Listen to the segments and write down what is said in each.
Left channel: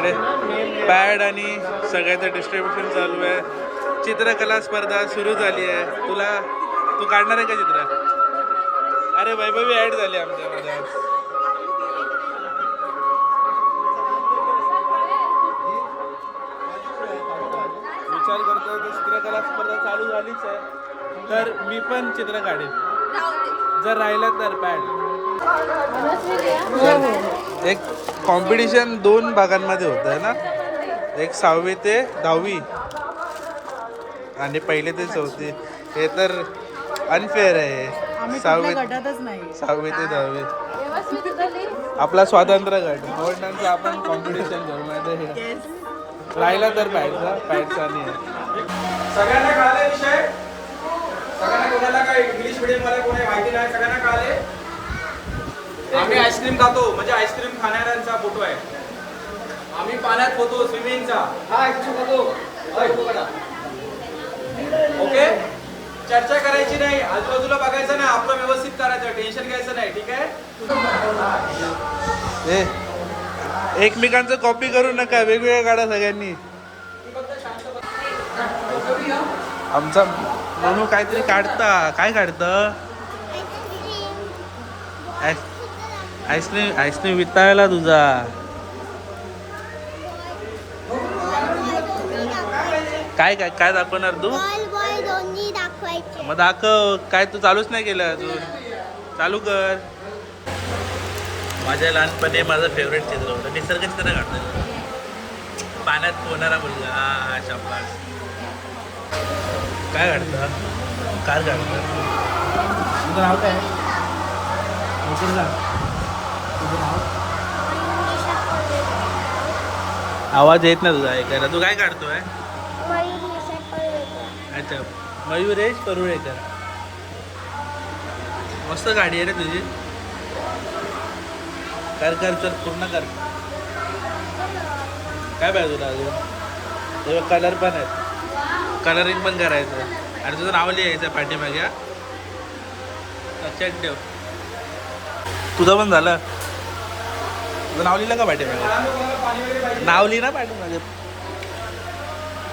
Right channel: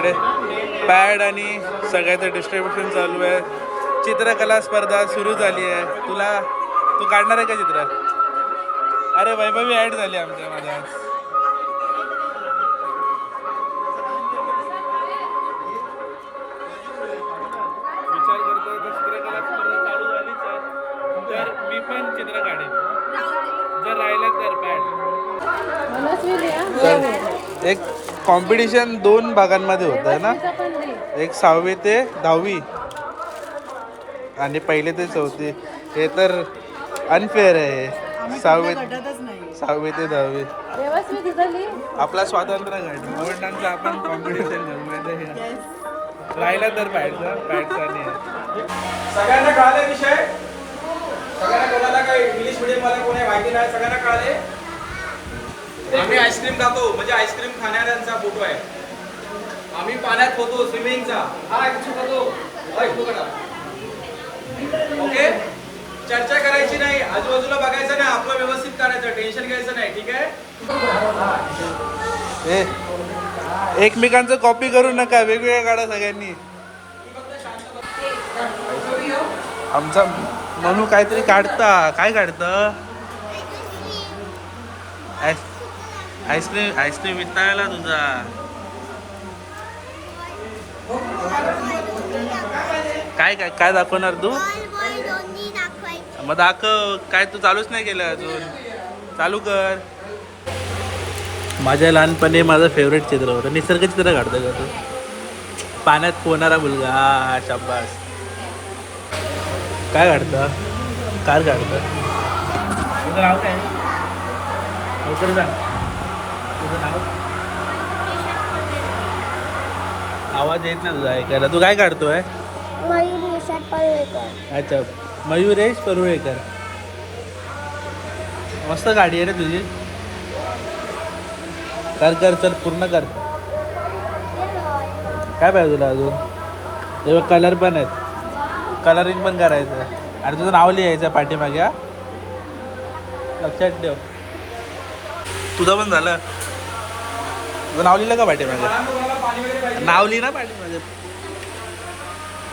इकडे पॅड आणि सगळ्याचं डिस्ट्रीब्युशन चालू आहे. चित्रकला स्पर्धा सुरू झाली आहे. तू काढणार आहे का चित्र? अरे वैभवी ॲड झाली आमच्या माझ्या आज. विचार करतोय की चित्रकला स्पर्धा चालू झालीच आहे तर मी पण चित्र काढेन. जर राहिलं तर पॅड. एक कॉम्पिटिशन 2 भागांमध्ये होत आहे ना. एक 6वी ते 10वी आणि 1ली ते 4थी. हे तर अनफेअर आहे. 6वी ते 10वी आपला स्वातंत्र्य गट मोहनदांचा आपण कॉम्पिटिशन करू. माहिती आहे राहिला तर पॅडचा नाही. सगळ्यांना कळाले विषय? सगळ्यांना कोणाला काय इंग्लिश मीडियम मध्ये कोणी माहिती नाही सगळ्यांना कळाले? आम्ही आईस्क्रीम खातो म्हणजे आईस्क्रीम खाणाऱ्यांचा फोटो आहे. आम्ही पाण्यात पोहतो स्विमिंगचा. हा आईस्क्रीम खातो. ओके चर्चा करायची नाही. आजूबाजूला बघायचं नाही. आपलं व्यवस्थित करायचं. टेन्शन घ्यायचं नाही. ठीक आहे. एकमेकांचं कॉपी करू नका. वेगवेगळ्या काढा सगळ्यांनी. आमचा म्हणून काहीतरी काढता. काय काढतं? आईस्क्रीम वितायला तुझा. काय काय काय दाखवणार तू? मग दाखव. काय तू चालूच नाही केलं अजून. चालू कर. माझ्या लहानपणी माझं फेवरेट चित्र होतं. निसर्ग चित्र काढतो. पाण्यात पोहणारा मुलगा. हा शाबास. काय काढतं? कार काढतं. तुझं नाव काय? लवकर सांग. तुझं नाव? आवाज येत ना तुझा ऐकायला. तू काय काढतोय? अच्छा मयुरेश परुळेकर. मस्त गाडी आहे रे तुझी. कर चल पूर्ण कर. काय पाहिजे तुला अजून? तेव्हा कलर पण आहेत. कलरिंग पण करायचं. आणि तुझं नाव लिहायचं पाठीमागे. लक्षात ठेव. तुझं पण झालं. तुझं नाव लिहिलं का पाठीमागे? नाव लिहि ना पाठीमागे.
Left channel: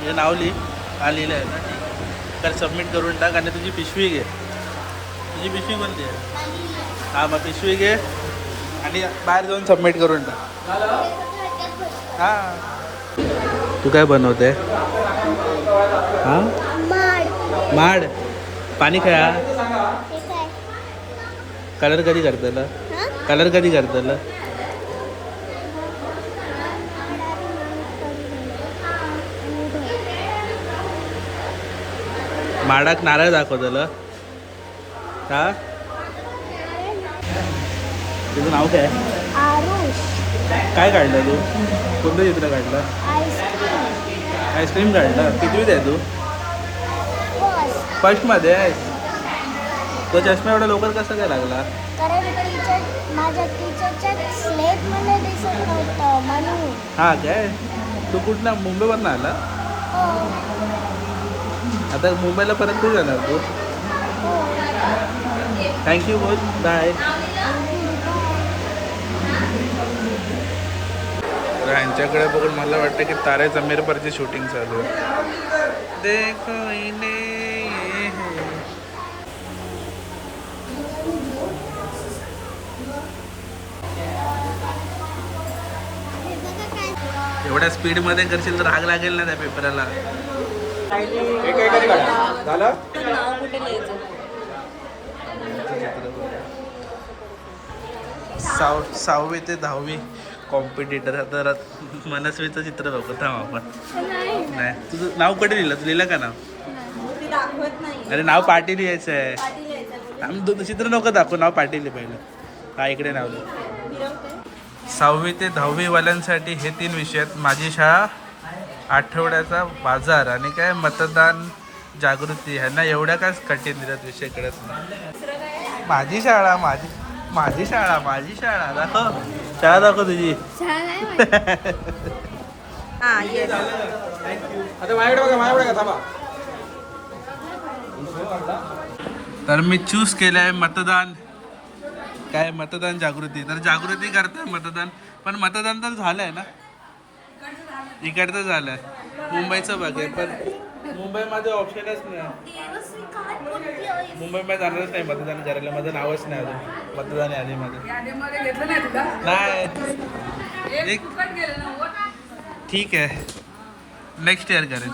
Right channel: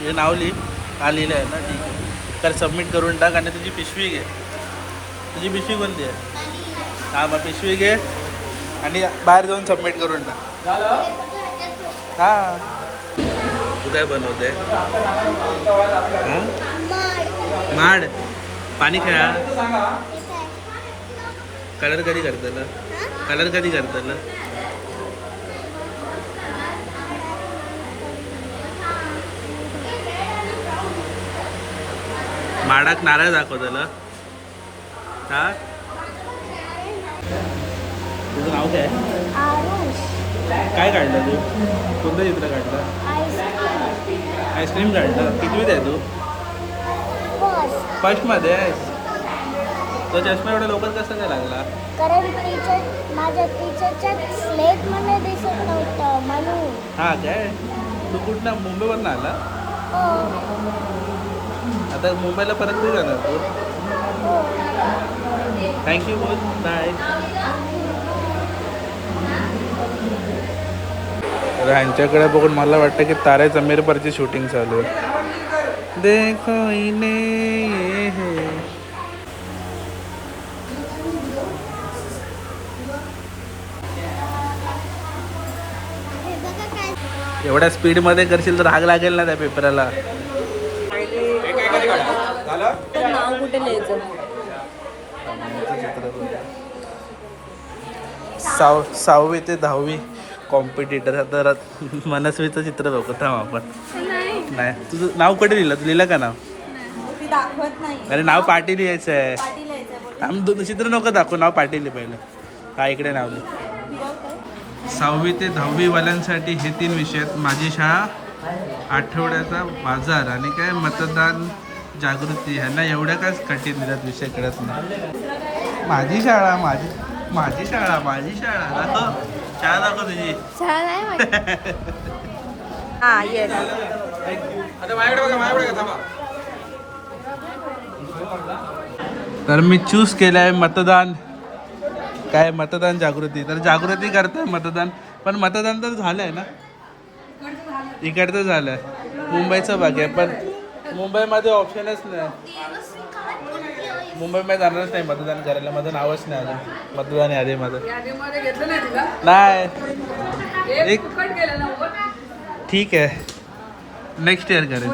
हे नाव लिहि. हा लिहिलं आहे ना. ठीक आहे. तर सबमिट करून टाक. आणि तुझी पिशवी घे. तुझी पिशवी कोणती आहे? हां मग पिशवी घे आणि बाहेर जाऊन सबमिट करून टाक. हां तू काय बनवते? हां माड. पाणी खेळा. कलर कधी करतलं? कलर कधी करतलं? माडाक नारळ दाखवतलं का? तुझं नाव काय? काय काढलं तू? कोणतं चित्र काढलं? आईस्क्रीम काढलं. कितवीत आहे तू? फर्स्टमध्ये आहेस. तो चष्मा एवढा लवकर कसा काय लागला? कारण माझ्या टीचरच्या स्लेटमध्ये दिसत नव्हतं म्हणून. हा काय? तू कुठला मुंबईवरनं आला? आता मुंबईला परत कुठे जाणार तू? थँक्यू बोल. बाय. तर ह्यांच्याकडे बघून मला वाटतं की तारे जमीर परची शूटिंग चालू आहे. देखो इने एवढ्या स्पीडमध्ये करशील तर आग लागेल ना त्या पेपराला. सहावी ते 10वी कॉम्पिटिटर. आता मनस्वीचं चित्र बघत आपण. नाही तुझं नाव कुठे लिहिलं? तू लिहिलं का नाव? अरे नाव पाटील लिहायचं आहे. आम्ही चित्र नको दाखवू. नाव पाटील पहिलं. हा इकडे नाव लिह. 6वी ते 10वी वाल्यांसाठी हे 3 विषय आहेत. माझी शाळा, आठवड्याचा बाजार आणि काय मतदान जागृती. ह्यांना एवढ्या काय कठीण दिल्यात विषय कळत नाही. माझी शाळा दाखव. शाळा दाखव तुझी. तर मी चूज केलंय मतदान. काय मतदान जागृती. तर जागृती करताय मतदान. पण मतदान तर झालंय ना. इकडचं झालं. मुंबईचं बाकी आहे, पण मुंबईमध्ये ऑप्शनच नाही. मुंबईमध्ये जाणारच नाही मतदान करायला. माझं नावच नाही अजून मतदान यादीमध्ये. नाही एक ठीक आहे, नेक्स्ट इयर करेल.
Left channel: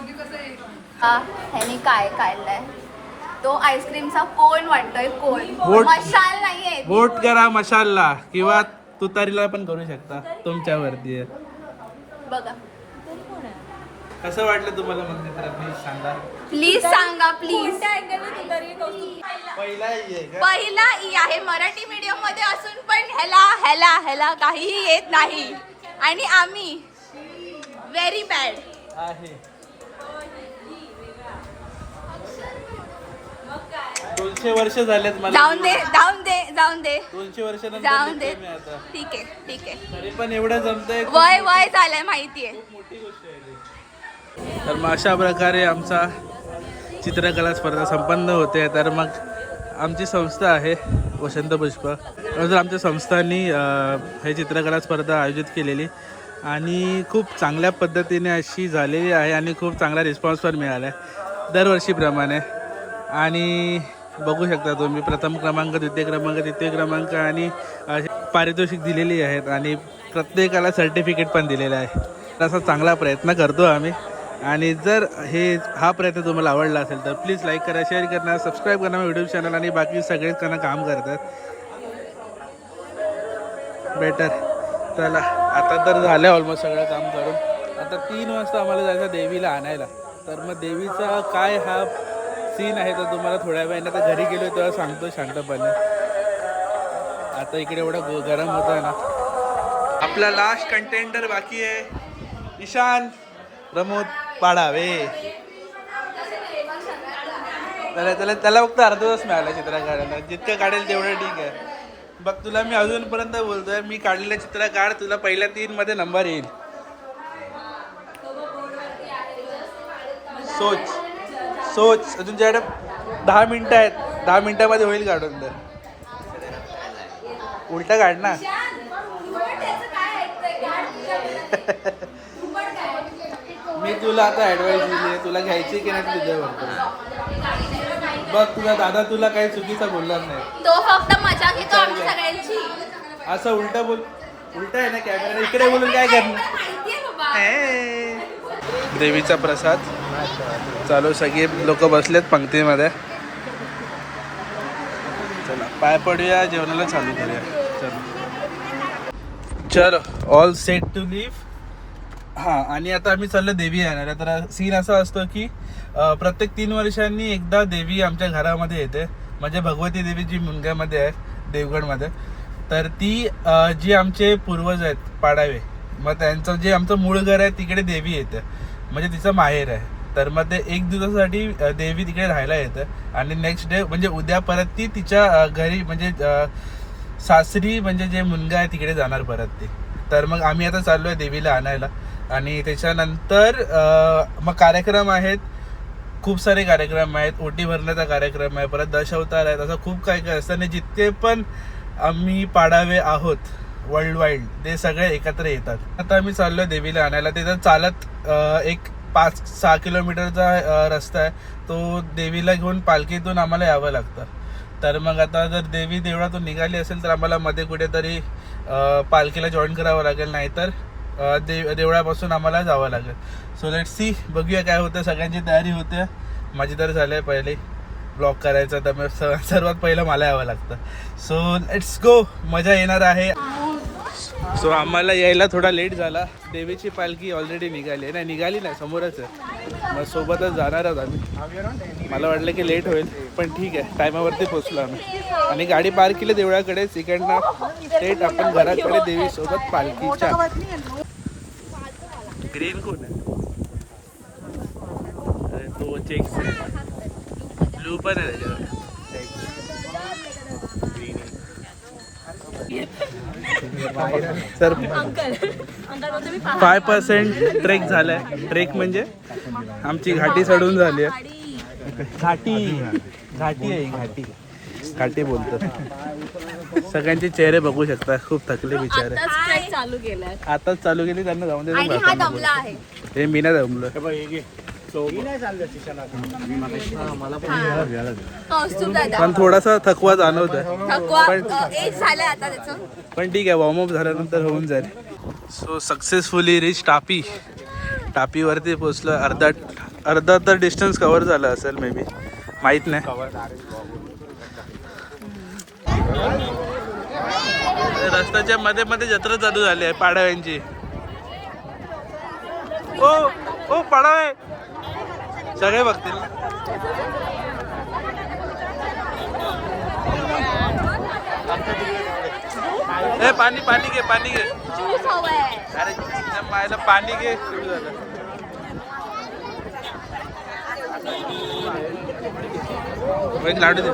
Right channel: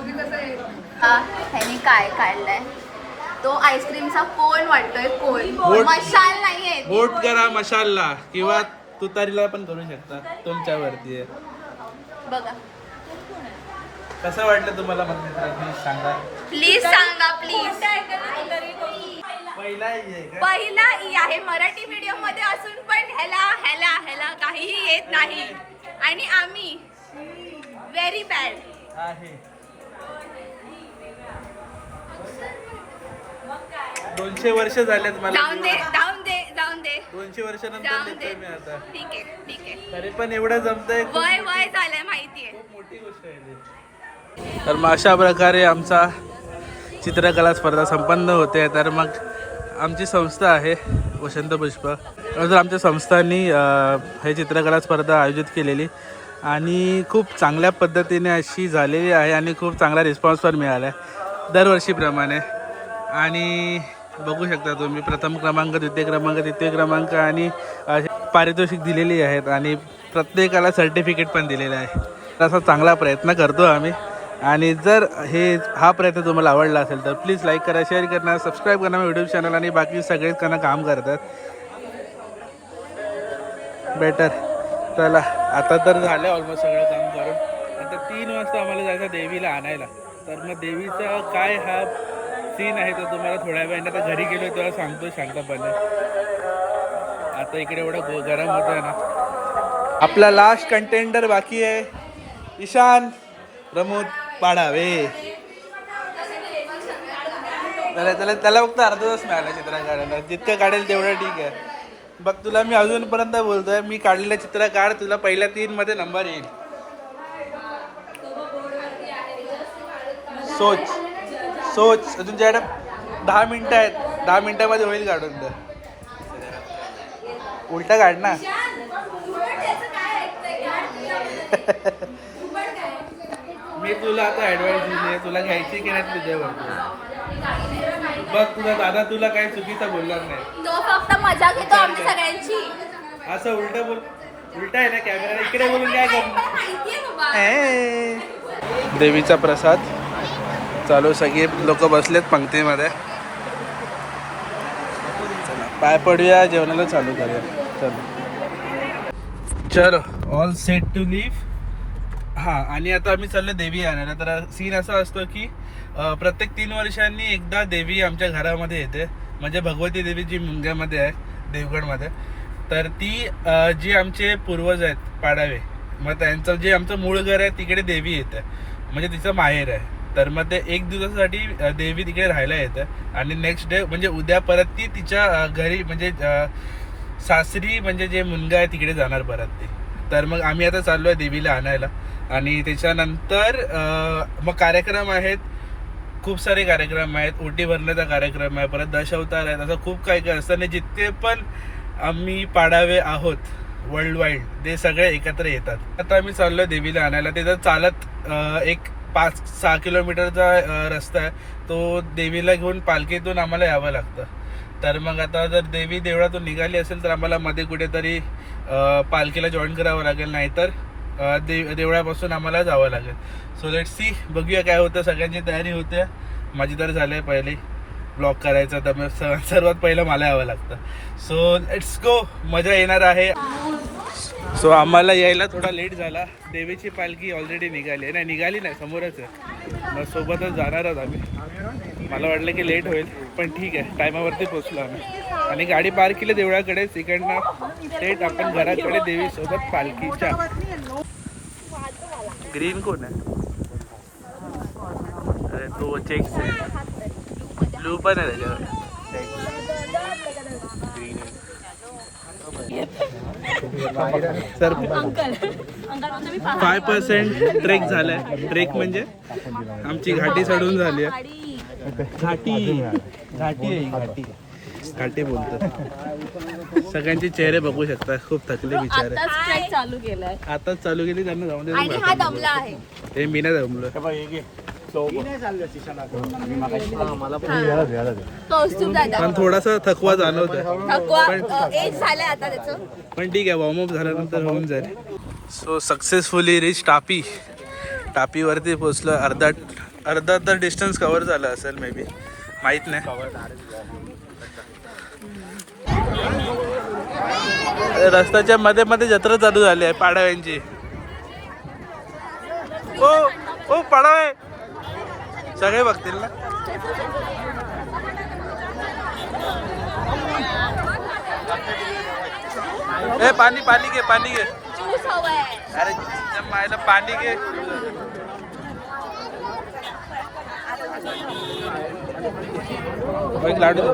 ह्यानी काय काढलंय तो आईस्क्रीमचा कोण वाटतोय. कोण बोट- मशाल नाहीये. वोट करा मशालला किंवा तुतारीला पण करू शकता, तुमच्यावरती आहे. बघा कसं वाटलं तुम्हाला मग मित्र, प्लीज सांगा. प्लीज सांगा प्लीज. पहिला पहिला ई आहे मराठी मीडियम मध्ये असून पण ह्याला ह्याला ह्याला काहीही येत नाही आणि आम्ही व्हेरी बॅड आहे. 200 वर्ष झालेत मला. जाऊन दे जाऊन दे जाऊन दे 200 वर्षानंतर जाऊन दे. देतोय मी आता. ठीक आहे ठीक आहे. तरी पण एवढं जमतंय. वय वय झालंय माहितीये. खूप मोठी गोष्ट आहे ती. तर मग अशा प्रकारे आमचा चित्रकला स्पर्धा संपन्न होते. तर मग आमची संस्था आहे वसंत पुष्प. तर आमच्या संस्थांनी हे चित्रकला स्पर्धा आयोजित केलेली आणि खूप चांगल्या पद्धतीने अशी झालेली आहे आणि खूप चांगला रिस्पॉन्स पण मिळाला आहे दरवर्षीप्रमाणे. आणि बघू शकता तुम्ही प्रथम क्रमांक, द्वितीय क्रमांक, तृतीय क्रमांक आणि पारितोषिक दिलेली आहेत आणि प्रत्येकाला सर्टिफिकेट पण दिलेलं आहे. तसा चांगला प्रयत्न करतो आम्ही. आणि जर हा प्रयत्न तुम्हाला आवडला असेल तर प्लीज लाईक करा, शेअर करा, सबस्क्राईब करा यूट्यूब चॅनल. आणि बाकी सगळेच त्यांना काम करतात बेटर. चला आता तर झालं ऑलमोस्ट सगळं काम करून. आता 3 वाजता आम्हाला जायचं देवीला आणायला. तर मग देवीचा काय हा सीन आहे तर तुम्हाला थोड्या वेळाने आता घरी गेलो तेव्हा सांगतो शांतपणे. आता इकडे एवढं गरम होतं आहे ना. आपला लास्ट कंटेंडर बाकी आहे ईशान प्रमोद पाडावे. त्याला फक्त अर्धा तास मिळाला चित्र काढायला. जितकं काढेल तेवढं ठीक आहे. बघ तुला मी अजूनपर्यंत बोलतोय, मी काढलेलं चित्र काढ, तुला पहिल्या 3 मध्ये नंबर येईल. सोच अजून तुझ्याकडे 10 मिनिटं आहेत. 10 मिनिटामध्ये होईल काढून. तर उलटा काढ ना. मी तुला आता ॲडवाईस दिली आहे, तुला घ्यायची की नाही तुझ्यावर. बघ तुझा दादा तुला काही चुकीचा बोलणार नाही. तो फक्त मजा घेतो आम्ही सगळ्यांची. असं उलटा बोल. उलटा आहे ना कॅमेरा, इकडे बोलून काय करणार. माहितीये बाबा. देवीचा प्रसाद चालू, सगळे लोक बसलेत पंक्तीमध्ये. चला पाय पडूया, जेवणाला चालू करूया. चलो ऑल सेट टू लिव्ह. हां, आणि आता आम्ही चाललो देवी आणायला. तर सीन असा असतो की प्रत्येक 3 वर्षांनी एकदा देवी आमच्या घरामध्ये येते. म्हणजे भगवती देवी जी मुंग्यामध्ये आहे देवगडमध्ये. तर ती जी आमचे पूर्वज आहेत पाडावे, मग त्यांचं जे आमचं मूळ घर आहे तिकडे देवी येते. म्हणजे तिचं माहेर आहे. तर मग ते 1 दिवसासाठी देवी तिकडे राहायला येतं आणि नेक्स्ट डे म्हणजे उद्या परत ती तिच्या घरी म्हणजे सासरी म्हणजे जे मुलगा आहे तिकडे जाणार परत ती. तर मग आम्ही आता चाललो आहे देवीला आणायला. आणि त्याच्यानंतर मग कार्यक्रम आहेत, खूप सारे कार्यक्रम आहेत. ओटी भरण्याचा कार्यक्रम आहे, परत दशावतार आहेत, असं खूप काही काही असतं. आणि जितके पण आम्ही पाडावे आहोत वर्ल्ड वाईड ते सगळे एकत्र येतात. आता आम्ही चाललो आहे देवीला आणायला. तिथं चालत एक 5-6 किलोमीटरचा रस्ता आहे. तो देवीला घेऊन पालखीतून आम्हाला यावं लागतं. तर मग आता जर देवी देवळातून निघाली असेल तर आम्हाला मध्ये कुठेतरी पालखीला जॉईन करावं लागेल, नाहीतर देवळापासून आम्हाला जावं लागेल. सो लेट्स सी, बघूया काय होतं. सगळ्यांची तयारी होते. माझी तर झाली आहे पहिले ब्लॉग करायचा, तर मग सर्वात पहिलं मला यावं लागतं. सो लेट्स गो, मजा येणार आहे. सो आम्हाला यायला थोडा लेट झाला. देवीची पालखी ऑलरेडी निघाली आहे. नाही निघाली नाही, समोरच आहे. मग सोबतच जाणार आहोत आम्ही. मला वाटलं की लेट होईल, पण ठीक आहे, टायमावरती पोचलो आम्ही. आणि गाडी पार्क केली देवळाकडेच. इकडनं थेट आपण घराकडे देवीसोबत पालखीच्या. ग्रीन कोण आहे? अरे तो चेक्स आहे. ब्लू पण आहे त्याच्याकडे. सर 5% ट्रेक झालाय. ट्रेक म्हणजे आमची घाटी चढून झाली आहे. घाटी आहे घाटी. काठी बोलतो. सगळ्यांचे चेहरे बघू शकता, खूप थकले बिचारे. चालू केलाय आताच चालू केली त्यांना जाऊन दे. आणि हा दमला आहे. हे मी नाही जमलो. कौस्तुभ दादा पण थोडासा थकवा जाणवतोय. थकवा एक झालंय आता त्याचं. पण ठीक आहे, वॉर्मअप झाल्यानंतर होऊन जाईल. सो सक्सेसफुली रिच टापी. टापीवरती पोचलो. अर्धा तर डिस्टन्स कव्हर झालं असेल मे बी, माहीत नाही. रस्त्याच्या मध्ये मध्ये जत्रा चालू झाली आहे पाडव्यांची. ओ ओ पाडवे सगळे बघतील ना. ए पाणी पाणी घे, पाणी घे. ज्यूस हवंय. अरे मायला पाणी घे. एक लाडू दे.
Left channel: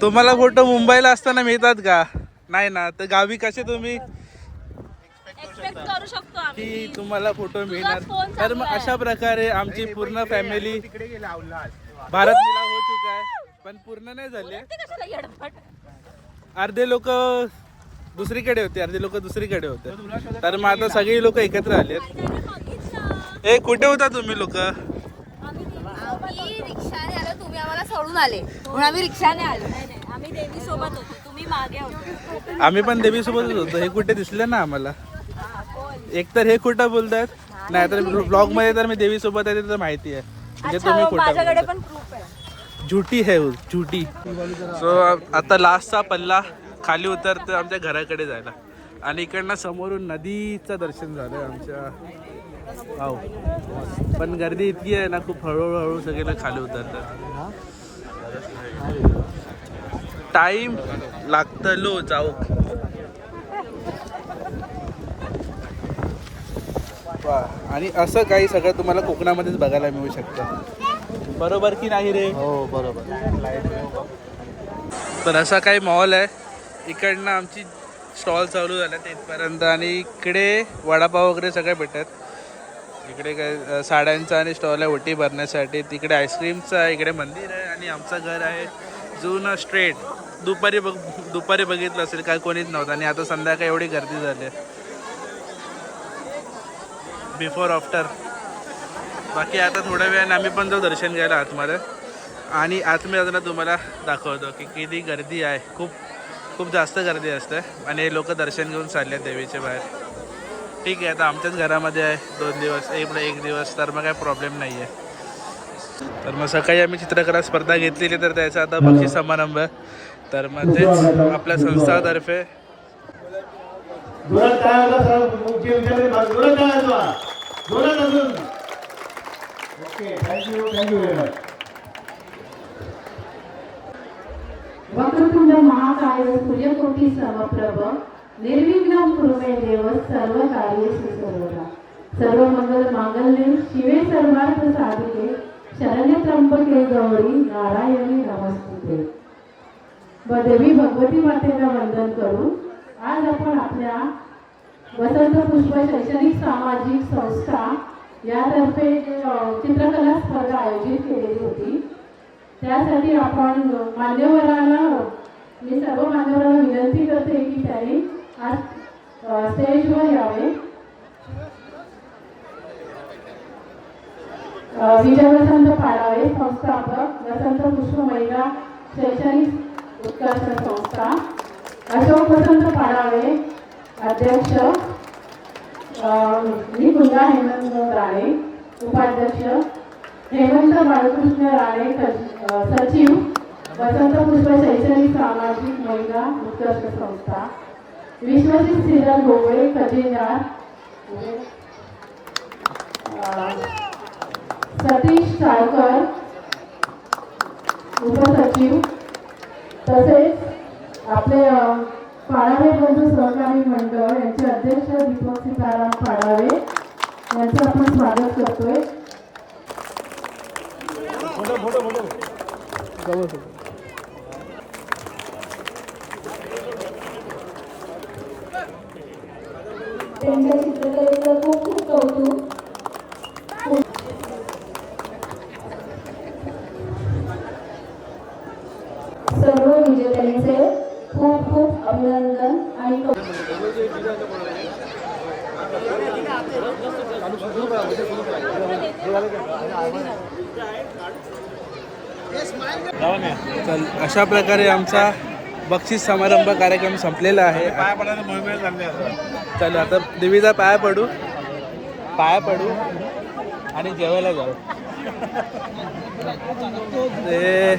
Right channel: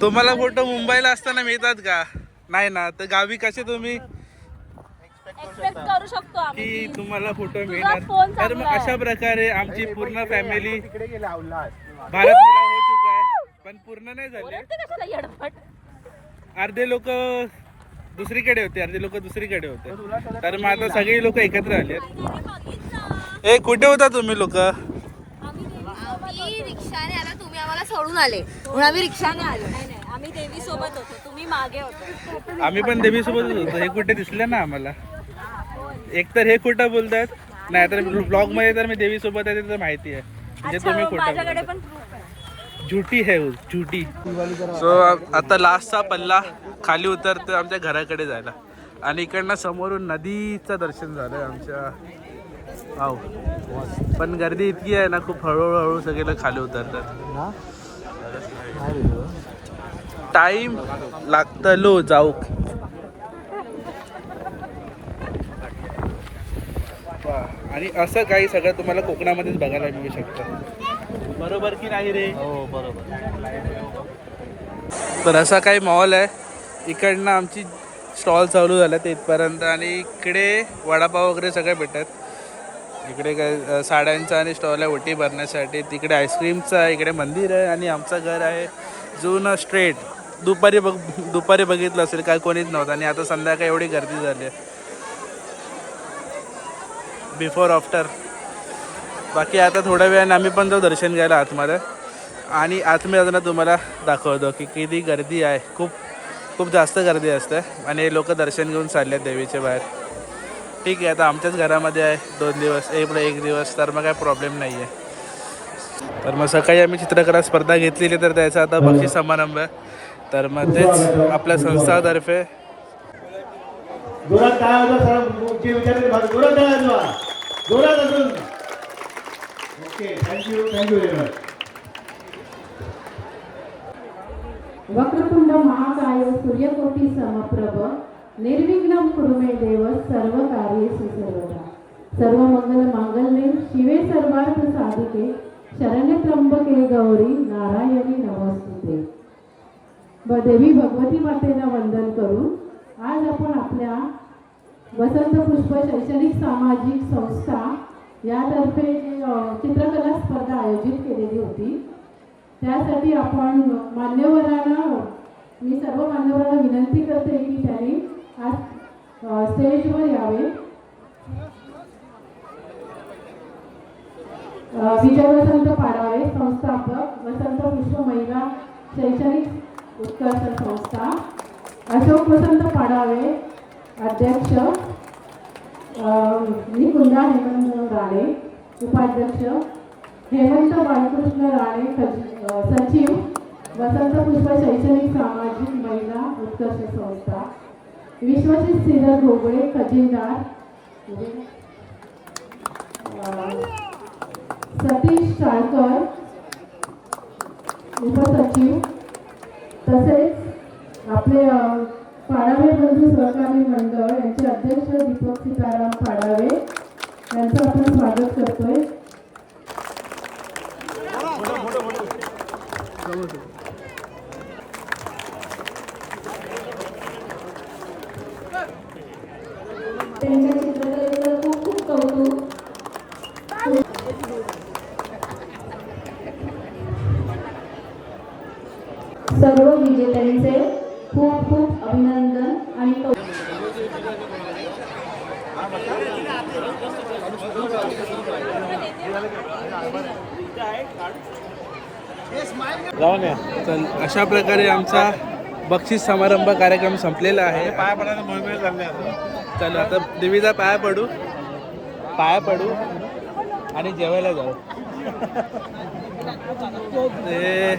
तुम्हाला फोटो मुंबईला असताना मिळतात का? नाही ना. तर गावी कसे तुम्ही एक्सपेक्ट करू शकतो आम्ही की तुम्हाला फोटो मिळणार. तर मग अशा प्रकारे आमची पूर्ण फॅमिली भारत मिला हो चुका आहे, पण पूर्ण नाही झाले. अर्धे लोक दुसरीकडे होते, अर्धे लोक दुसरीकडे होते. तर मग आता सगळे लोक एकत्र आले. ए कुठे होता तुम्ही लोक? आम्ही रिक्षाने आलो, तुम्ही आम्हाला सोडून आले म्हणून आम्ही रिक्षाने आलो. आम्ही देवी सोबत होतो, तुम्ही मागे होतो. आम्ही पण देवी सोबतच होतो. हे कुठे दिसले ना आम्हाला. एक तर हे कुठं बोलतात, नाही तर ब्लॉग मध्ये तर मी देवी सोबत आहे तर माहिती आहे. म्हणजे तुम्ही कुठं माझ्याकडे बोलता. पण proof आहे. झुटी है वो, झुटी. सो आता लास्टचा पल्ला खाली उतरतो आमच्या घराकडे जायला. आणि इकडनं समोरून नदीचं दर्शन झालं आमच्या. वाव. पण गर्दी इतकी आहे ना, खूप हळूहळू सगळे लोक खाली उतरतात. टाइम लागतलो जाऊ. आणि असं काही सगळं तुम्हाला कोकणामध्येच बघायला मिळू शकतं. बरोबर की नाही रे? हो बरोबर. तर असा काही मॉल आहे. इकडनं आमची स्टॉल चालू झाला ते इथपर्यंत. आणि इकडे वडापाव वगैरे सगळे भेटतात. इकडे काय साड्यांचा आणि स्टॉल आहे ओटी भरण्यासाठी. तिकडे आईस्क्रीमचं आहे, इकडे मंदिर आहे. आणि आमचं घर आहे जुनं स्ट्रेट. दुपारी बघितलं असेल काय कोणीच नव्हतं. आणि आता संध्याकाळी एवढी गर्दी झाली आहे. Before after. बाकी आता थोड्या वेळाने आम्ही पण जाऊ दर्शन घ्यायला आतमध्ये. आणि आतमध्ये जाताना तुम्हाला दाखवतो की किती गर्दी आहे. खूप जास्त गर्दी असते. आणि लोक दर्शन घेऊन चालले आहेत देवीच्या बाहेर. ठीक आहे, आता आमच्याच घरामध्ये आहे 2 दिवस, एक दिवस, तर मग काय प्रॉब्लेम नाही आहे. तर मग सकाळी आम्ही चित्रकला स्पर्धा घेतलेली, तर त्याचा आता बक्षीस समारंभ. तर मग तेच आपल्या संस्थातर्फे वक्रतुंड महाकाय सूर्यकोटी समप्रभ निर्विघ्नं कुरु मे देव सर्व कार्येषु सर्वदा. सर्व मंगल मांगल्ये शिवे सर्वार्थ साधिके शरण्य त्र्यंबके गौरी नारायणी नमस्तुते. देवी भगवती मातेला वंदन करून आज आपण आपल्या वसंत पुष्प शैक्षणिक सामाजिक संस्था यातर्फे चित्रकला स्पर्धा आयोजित केलेली होती. त्यासाठी आपण मी सर्व मान्यवरांना विनंती करते की त्यांनी आज स्टेजवर यावे. विजय वसंत पाडावे, संस्थापक वसंत पुष्प महिला शैक्षणिक उत्कर्ष संस्था. अशोक वसंत पाडावे, अध्यक्ष. निकुंजा हेमंत राणे, उपाध्यक्ष. हेमंत बाळकृष्ण राणे, सचिव वसंत पुष्प शैक्षणिक सामाजिक महिला उत्कर्ष संस्था. विश्वजित श्रीधर घोगळे, खजिनदार. सतीश चाळकर, उपसचिव. तसेच आपले पाडावे बंधू सहकारी मंडळ यांचे अध्यक्ष दीपक सीताराम पाडावे यांचं आपण स्वागत करतोय. त्यांच्या चित्रकलेचं खूप कौतुक. विजेत्यांचे खूप खूप अभिनंदन आणि चल अशा प्रकारे आमचा बक्षीस समारंभ कार्यक्रम संपलेला आहे. चल आता देवीचा पाया पडू आणि जेवायला जाऊ. ते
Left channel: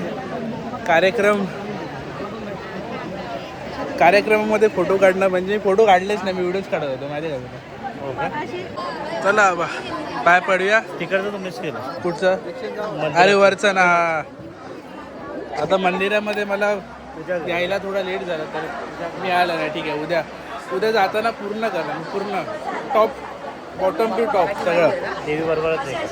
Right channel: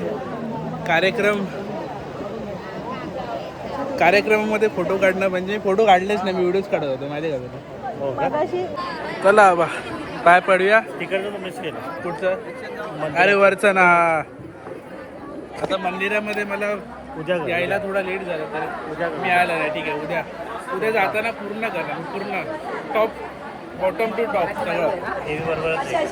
कार्यक्रमामध्ये फोटो काढणं म्हणजे फोटो काढलेच नाही, मी व्हिडिओज काढत होतो माहिती का तुला. चला बा पाय पडूया. तिकडचं तू मिस केलं. पुढचं अरे वरचं ना. आता मंदिरामध्ये मला यायला थोडा लेट झाला तर मी आला नाही. ठीक आहे, उद्या जाताना पूर्ण करणार, पूर्ण टॉप बॉटम टू टॉप सगळं. हे बरोबरच आहे.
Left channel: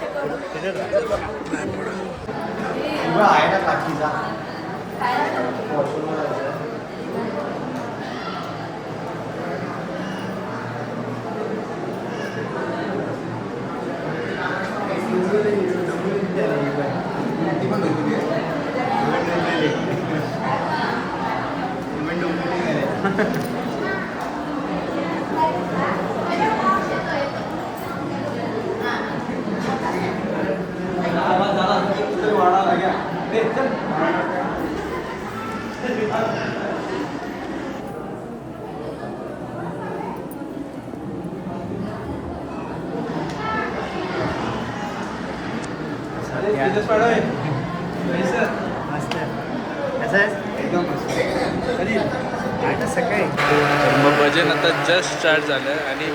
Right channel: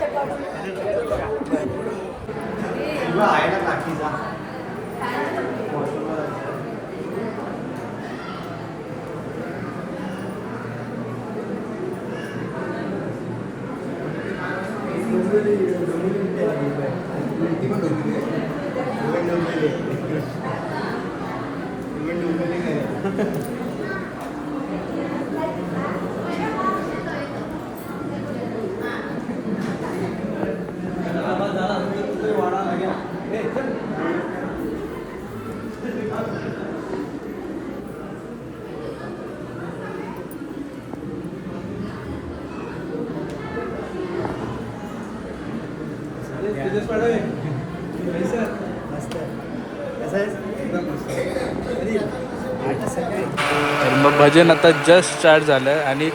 तर मग भजन आता जस्ट स्टार्ट झालं आहे आणि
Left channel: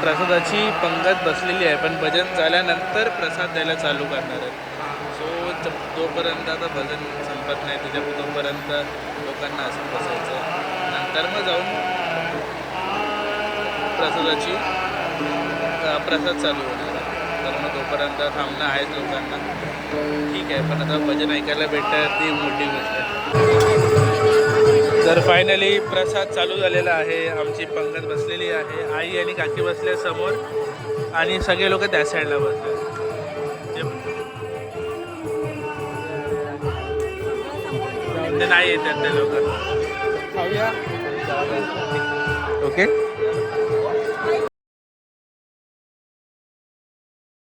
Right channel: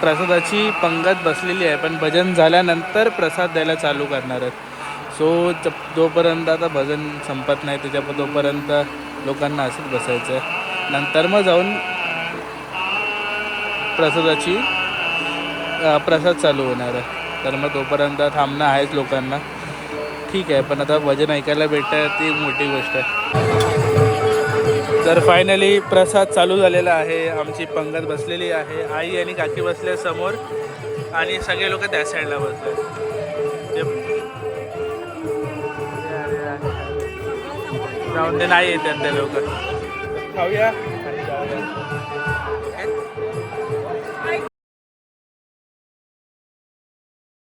प्रसादाची पंगत बसलेली आहे, पण भजन झाल्यानंतर प्रसाद द्यायला चालू करणार आहेत. सो जोपर्यंत आता भजन संपत नाही त्याच्या तोपर्यंत लोकांना असंच बसायचं आहे. नंतर मग जाऊन प्रसाद चालू होणार आहे. तर मग तोपर्यंत थांबणं आहेच लोकांना. ठीक आहे, पण आता भजन ऐकायला भेटतं ती मोठी गोष्ट आहे. तर फायनली प्रसाद चालू झालेला आहे. आमची पंगत बसलेली आहे. आई आणि काकी बसले समोर आणि सगळे लोक त्या साईडला बसले. जाऊन ते नाही येतात ते लोक. खाऊया. ओके.